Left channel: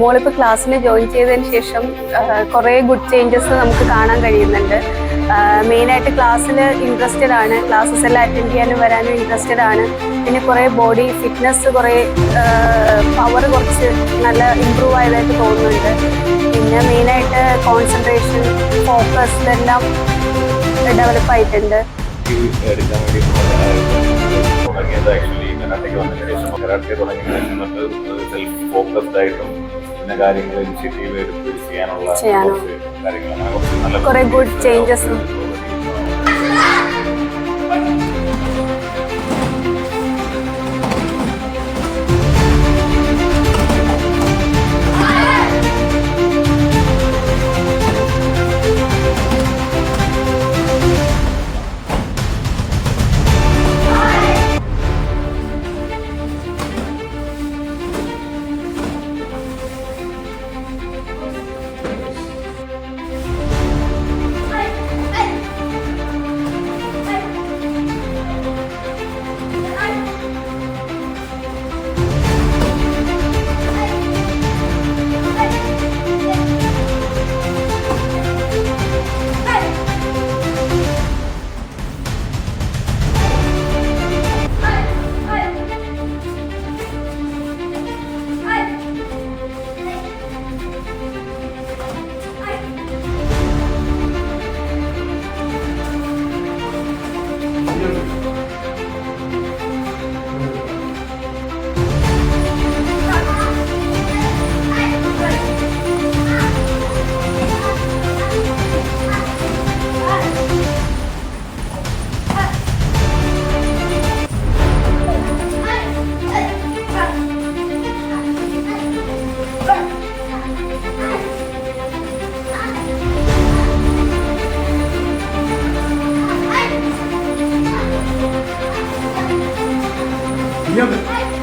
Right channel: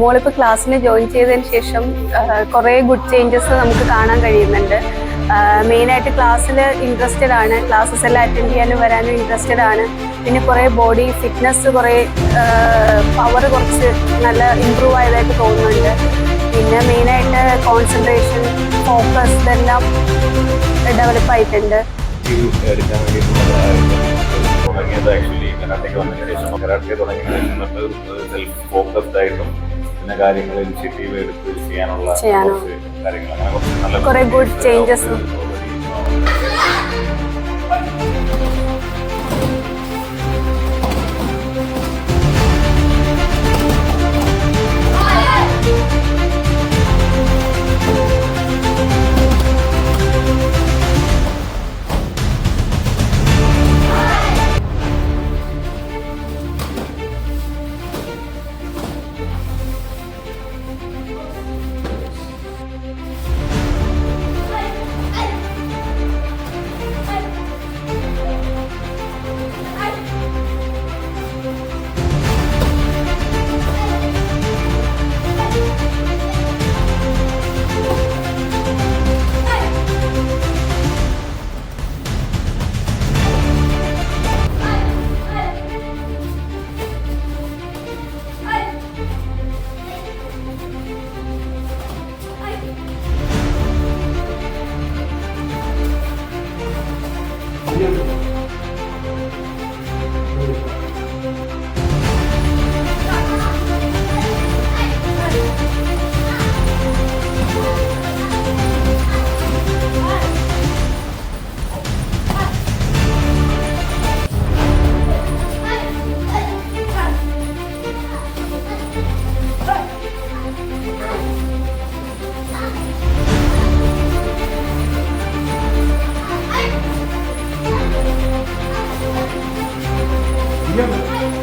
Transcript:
മോളിപ്പോൾ ക്ലാസ്സിന് ജോയിൻ ചെയ്തതിന് ശേഷം കുറേ ഗുഡ് ചേഞ്ചസ് നമുക്ക് കാണാൻ കഴിയുന്നുണ്ട്. മെയിനായിട്ട് ക്ലാസ്സിൽ ഇൻട്രസ്റ്റഡ് ആണ്, ക്ലാസ്സസ് എല്ലാം അറ്റൻഡ് ചെയ്യാനും വരാനും ഇൻട്രസ്റ്റഡ് ആണ്. പിന്നെ കുറേ ബോഡി ഫിറ്റ്നസ്, കുറേ പവർ കുറച്ച് നല്ല ഇമ്പ്രൂവ് ആയതായിട്ട് തോന്നുന്നുണ്ട്. പിന്നെ മെയിനായിട്ട് കോൺസെൻട്രേഷൻ, ഫോക്കസ് ഇതെല്ലാം ഡെവലപ്പ് ആയിട്ടുണ്ട്. എടുക്കാൻ വേണ്ടി തുടങ്ങിയത് ആക്ച്വലി കരാട്ടയ്ക്ക് വന്നതിന് ശേഷം, കരാട്ടെ തുടങ്ങിയതിന് ശേഷം സെൽഫ് ഫോക്കസ്ഡ് ആയിട്ടും പിന്നെ കാര്യങ്ങൾ ഇനിഷ്യേറ്റീവ് എടുത്ത് ചെയ്യാനുള്ള കാര്യങ്ങൾ, അങ്ങനെ കുറച്ച് നല്ല കുറേ ഗുഡ് ചേഞ്ചസ്. Yeah.